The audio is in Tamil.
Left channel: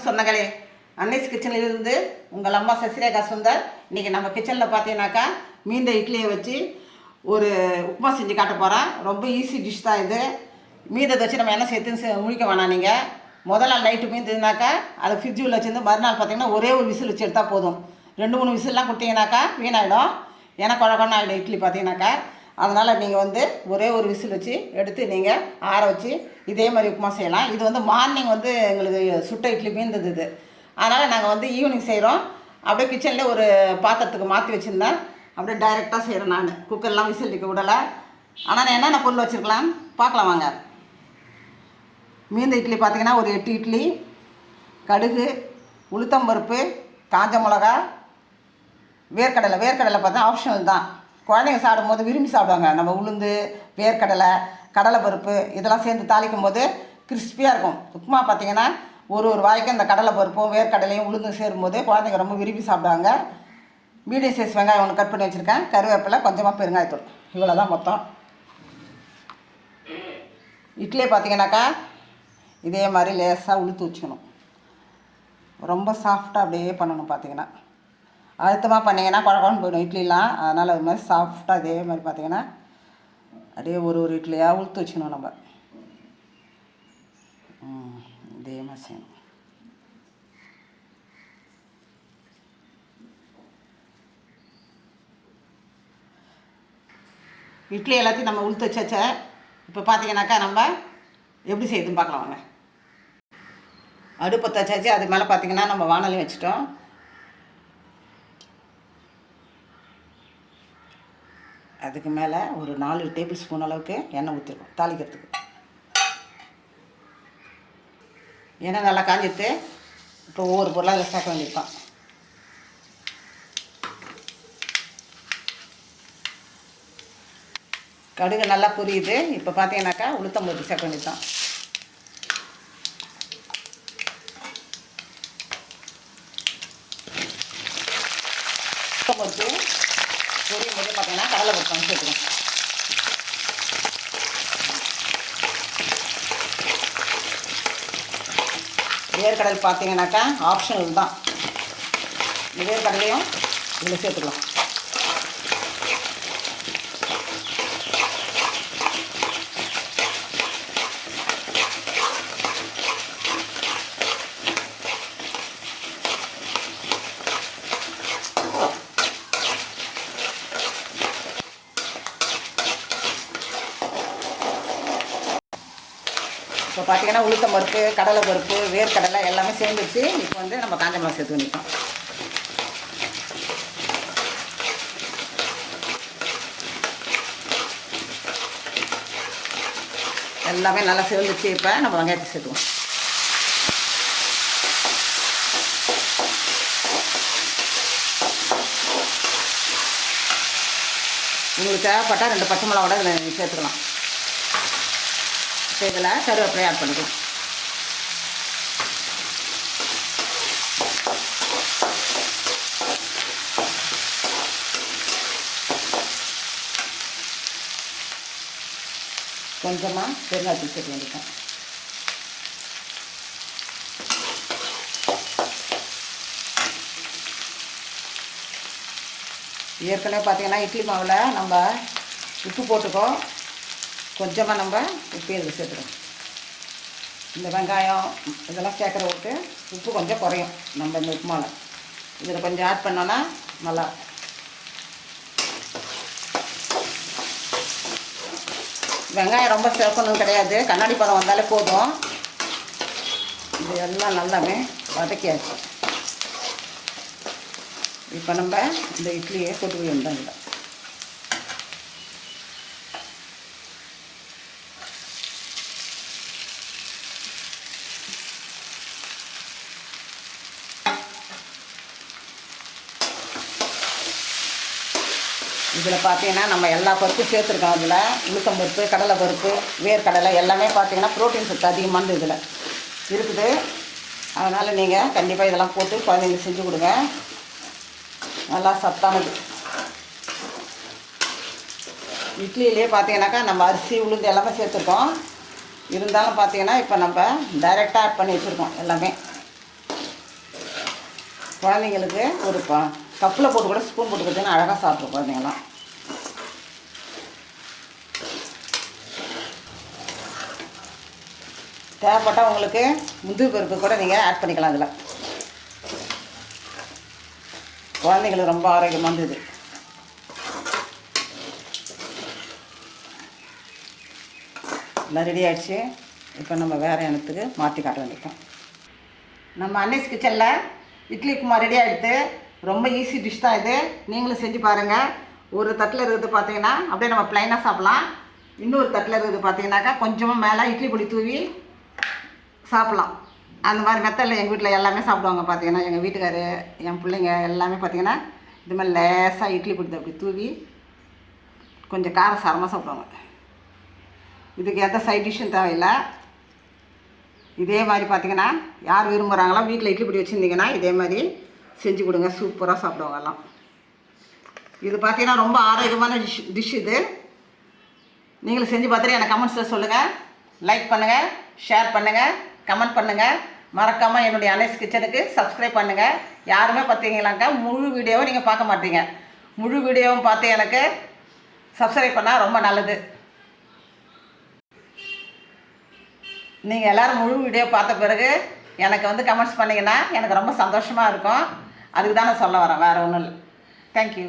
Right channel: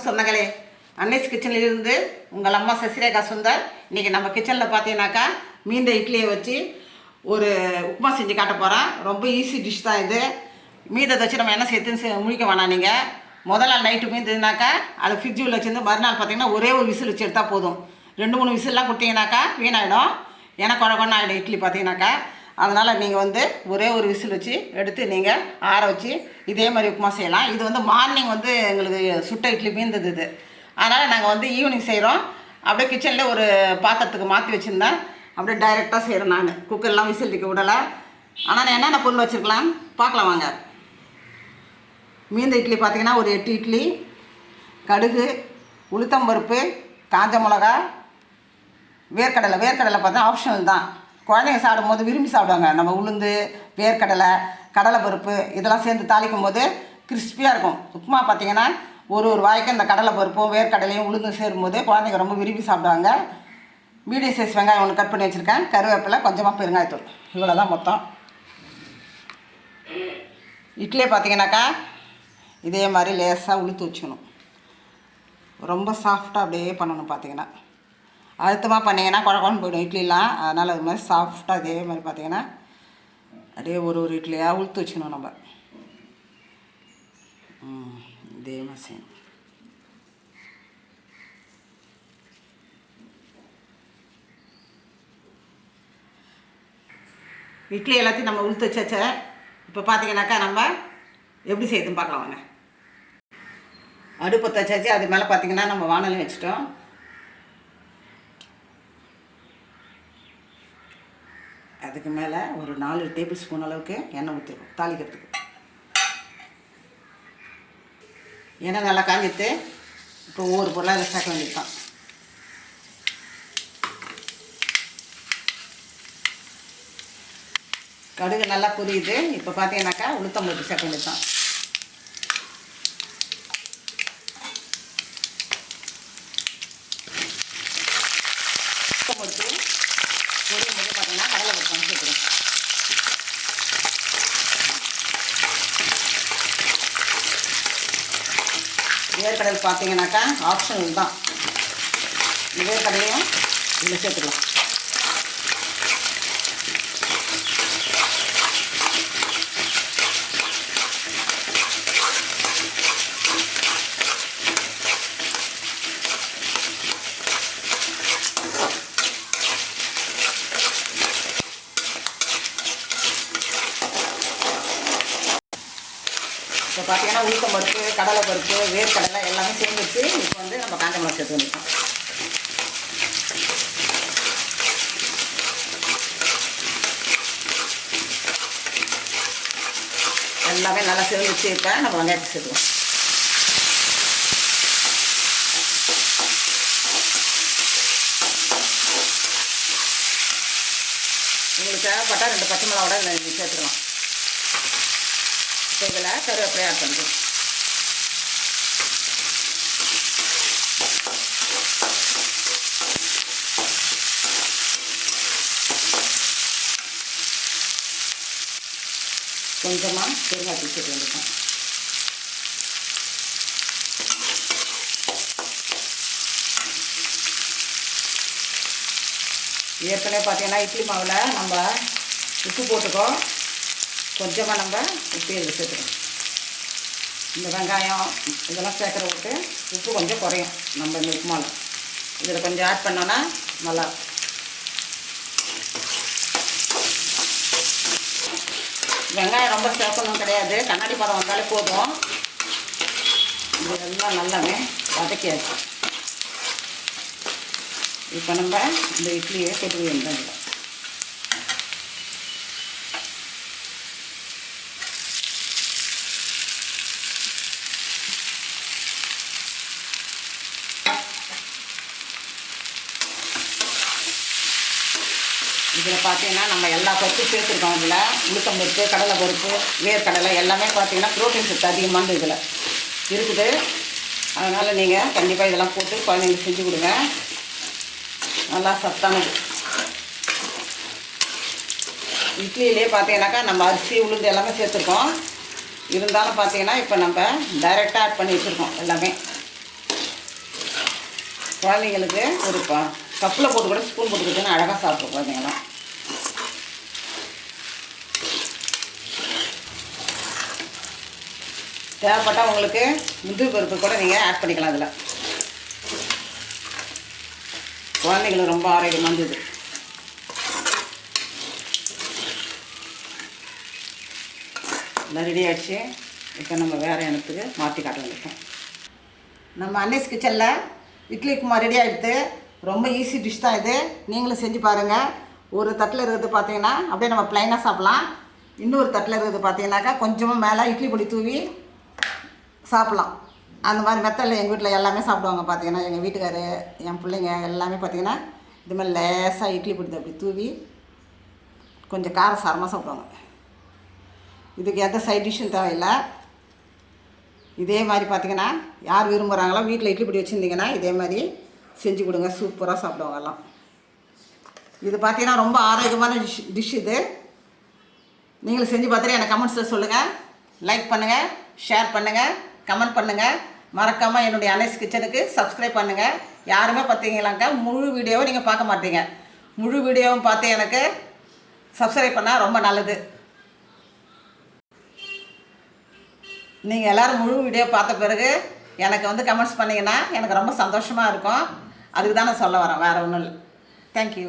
வணக்கம் சொந்தங்களே. அன்னைஸ் கிச்சனிலிருந்து உங்கள் அம்மா சசிரேகா சுந்தர். இன்றைக்கி நம்ம கிச்சனில் பார்த்தீங்கன்னாக்கா மீந்த இட்லியை வச்சு ஒரு உப்புமா செஞ்சு காட்ட போகிறோம். ரொம்ப ஈஸி டிஷ் தான் இது. மீதத்தை வச்சு நம்ம என்ன சேர்த்துன்னு முழிக்க வேணாம். நீங்கள் முதல் நாள் நைட்டு மீந்ததுனாக்கா அதை ஃப்ரிட்ஜில் வச்சுருந்து மறுநாள் பார்த்தீங்கன்னா ஒரே ஒரு விசில் வச்சு எடுத்தால் போதும். 2-3 விசில்லாம் கொடுத்தீங்கன்னாக்கா வீணாயிடும். ஏன்னா குழக்கொன்னு ஆகிடும் இட்லி பார்த்தீங்கன்னாக்கா. அதனால் நீங்கள் ஒரே ஒரு விசில் வச்சு எடுத்து நீங்கள் ஆற வச்சு இதே மாதிரி உப்புமா செய்யலாம். இது மார்னிங் எங்களுக்கு சுட்ட இட்லி மீந்தது இது. அதனால் நாங்கள் ஈவினிங் செய்கிறோம். அப்படியே கிச்சனில் ஒரு பாத்திரத்துக்கு மாற்றி வச்சுருந்தேன். அப்படியே டைரெக்டாக செய்கிறேன். நான் குக்கர்லாம் விசில் வைக்க விடலை. ஆனால் நான் என்னென்ன பொருள் வச்சுருக்கலாம் பார்க்கலாம் வாங்க. மீந்த இட்லி பார்த்திங்கன்னா ஒரு 8 இட்லி, கடுகு, உளுத்தம்பருப்பு, காஞ்ச மிளகா, வேர்க்கடலை பார்த்தா ஆப்ஷனல் தான். குழந்தைங்க சாப்பிடும்போது விரும்பி சாப்பிடுவாங்க. நம்ம உளுந்து, வேர்க்கடலை, கடலைப்பருப்பு இதெல்லாம் சேர்ந்து தாளிக்கும் போது கிறிஸ்பியாக இருக்கும். உப்புமா பார்த்திங்கன்னா ஒரு வாய்க்கு இந்த கடலைப்பருப்பும் வேர்க்கடலையும் உளுந்தும் சேரும்போது குழந்தைங்க ரொம்ப விரும்பி சாப்பிடுவாங்க. மீடியம் சைஸ் வெங்காயம் ஒன்று கட் பண்ணி வச்சுருக்கேன். கருவேப்பிலை, கொஞ்சமாக பெருங்காயத்தூள், இவ்வளோ தான் மொத்தம். இட்லியே பார்த்திங்கனாக்கா இதே மாதிரி லேசாக உளுத்து வச்சுக்கணும். ரொம்ப சாஃப்டாக அப்படியே பண்ணணும். பார்த்திங்கன்னா அழுத்தமாக பண்ணிங்கன்னா குழம்பு போயிடும் இட்லிலாம். அதனால் அது மாதிரி சாஃப்டாக இதே மாதிரி பார்த்திங்கன்னா அப்படியே ஒரு இட்லியாக உளுத்து வச்சுக்கணும். நம்ம இதே மாதிரி செய்யணும். இட்லி எல்லாத்தையும் நம்ம உளுத்து வச்சாச்ச. இப்போ பார்த்திங்கனாக்கா நம்ம எப்படி செய்யுதுன்னு பார்க்கலாம் வாங்க. அடுப்பத்தை வச்சாச்சு. அது மேலே பார்த்திங்கன்னா நம்ம வானலி வச்சுட்டோம். அதுக்கு மேலே ஒரு 4 டேபிள் ஸ்பூன் அளவுக்கு எண்ணெய் ஊற்றிருக்கோம் தாளிக்கிறதுக்கு. எண்ணெய் நல்லா காஞ்சிட்டு இப்போ ஒவ்வொரு பொருளாக அதை சேர்க்க வேண்டியது தான். கடுகு நல்லா புரியுது. இப்போ பார்த்தீங்கன்னாக்கா உளுத்தம்பருப்பு சேர்க்க வேண்டியது தான். உளுத்தம்பருப்பு பொரியும் போது பார்த்தீங்கன்னா கடலைப்பருப்பு சேர்த்துக்கணும். வேர்க்கடல் பார்த்தீங்கன்னாக்கா ஆப்ஷனல் தான். வேர்க்கடலையும் இதில் சேர்த்துக்கலாம். இப்போ பார்த்தீங்கன்னா உளுத்தம்பருப்பு, கடலைப்பருப்பு, வேர்க்கடலை எல்லாமே சேர்ந்துச்சு. இப்போ நம்ம காஞ்ச மிளகா சேர்த்து பண்ணிக்கலாம். எல்லாமே நல்லா சேர்ந்துச்சு. இப்போ நம்ம வெங்காயத்தை சேர்த்துக்கலாம். உங்களுக்கு தேவைப்பட்டால் 2 பச்சை மிளகாவோட சேர்த்துக்கலாம். இதில் கருவேப்பிலை ஆட் பண்ணிக்கலாம். கொஞ்சமாக பெருங்காயத்தூள் சேர்த்து வேண்டியிருக்கேன். ஏற்கனவே பார்த்தீங்கன்னா இட்லி மாவில் நம்ம உப்பு போட்டுக்கோம். கொஞ்சமாக நம்ம உப்பு இதில் சேர்த்துக்கணும். இந்த வெங்காயம் இதெல்லாம் சேர்க்குறதுக்கு உப்பு கொஞ்சம் குறையும். நம்ம இந்த உப்புமாவில் இதில் கொஞ்சம் ஆட் பண்ணோன்னா நல்லா. வெங்காயம் ரொம்ப சேர்க்கணும் கிடையாது. கண்ணாடி பதம் வந்தாலே போதும். இதெல்லாம் நல்லாவே வதக்கியாச்சு. இப்போ நம்ம இந்த இட்லியை கொட்டு வேண்டாங்க. இதில் பார்த்தீங்கன்னா நம்ம எல்லா பருப்பும் சேர்த்துருக்கோம். இதில் உளுத்தம்பருப்பு, கடலைப்பருப்பு, வேர்க்கடலை எல்லாமே பார்த்தீங்கன்னா ப்ரோட்டீன் சத்து அதிகமானது இதில் இருக்குது. அதனால் நீங்கள் கண்டிப்பாக இதெல்லாம் போட்டு குழந்தைங்களுக்கு செஞ்சு கொடுங்க. நல்லா சத்தானது. இட்லியிலே பார்த்தீங்கன்னாக்கா நம்ம அரிசி உளுந்து எல்லாமே சேர்த்துருக்கோம். இருந்தாலும் பார்த்தீங்கன்னா இப்போ நம்ம டைரெக்டாக ஆட் பண்ணி வச்சுருக்கோம் எல்லாமே. குழந்தைங்களுக்கு ஒரு கப்பில் போட்டு கூட ஸ்பூன் போட்டுக்கிட்டுன்னு அழகாக சாப்பிடும் குழந்தைங்களா. தேவைப்பட்டால் உங்களுக்கு முந்திரி பருப்பு கூட நீங்கள் ஆட் பண்ணிக்கலாம். அதில் குழந்தைங்களுக்கு ரொம்ப ஆரோக்கியமானது. எல்லாம் ரெடி ஆகிடுச்சு. இப்போ நம்ம வேறு இடத்துக்கு மாற்றி காட்ட வேண்டியிருக்கோம். நம்ம அன்னைஸ் கிச்சனில் இட்லி உப்புமா ரெடி ஆகிடுது. ரொம்ப ஈஸி டிஷ் தான் இது. நீங்களும் செஞ்சு பாருங்கள். ஒரு தட்டில் இருக்கிறது பார்த்தீங்கன்னா அப்படியே நம்ம ப்ளைனாக சாப்பிட்லாம். இன்னொரு தட்டில் இருக்கிறது பார்த்தீங்கன்னாக்கா கொஞ்சமாக மேலே இட்லி பொடி தூவி சாப்பிட்லாம். அந்த மாதிரி மெத்தடில் எங்கள் வீட்டில் எல்லாமே சாப்பிடுவாங்க. பார்த்தீங்கன்னா எங்கள் வீட்டுக்காரு, என் பிள்ளைங்க எல்லாமே பார்த்தீங்கன்னா இது மாதிரி லேசாக இட்லி பொடி அப்படி தூவி கொஞ்சம் காரசாரமாக சாப்பிடுவாங்க. இதுக்கு எந்த சைட் டிஷ்ஷும் தேவையில்லை. இதே மாதிரி பார்த்தீங்கன்னா யார் விரும்புகிறாங்களோ வீட்டில் இட்லி பொடி வச்சுருந்தீங்கன்னா இதே மாதிரி செஞ்சு கொடுங்க. சூப்பராக சாப்பிடுவாங்க எல்லாம். இது பார்த்தீங்கன்னா ரொம்ப ஆரோக்கியமான டிஷ் இது. நீங்களும் செஞ்சு பார்த்துட்டு எனக்கு கமெண்ட்ஸில் சொல்லுங்கள். லைக் பண்ணுங்கள், ஷேர் பண்ணுங்கள், கமெண்ட் பண்ணுங்கள். மறக்காமல் என்னுடைய அன்னைஸ் கிச்சனுக்கு சப்ஸ்கிரைப் பண்ணுங்கள். யாருமே பார்த்தீங்களாக்கா முழு வீடியோவும் நீங்கள் பார்க்க மாட்டீங்க. முழு வீடியோவும் பார்த்து எனக்கு சப்ஸ்கிரைப் பண்ணால் ரொம்ப நல்லது. நீங்கள் எல்லோரும் முழு வீடியோ பார்த்த பிறகு எனக்கு வந்து கமெண்ட்ஸ் பண்ணிங்கன்னா எனக்கு ரொம்ப சந்தோஷமாக இருக்கும். அதுக்கு தான் நான் சொல்ல வரேன், வேறு ஒன்றும் இல்லை. தேங்க்யூ.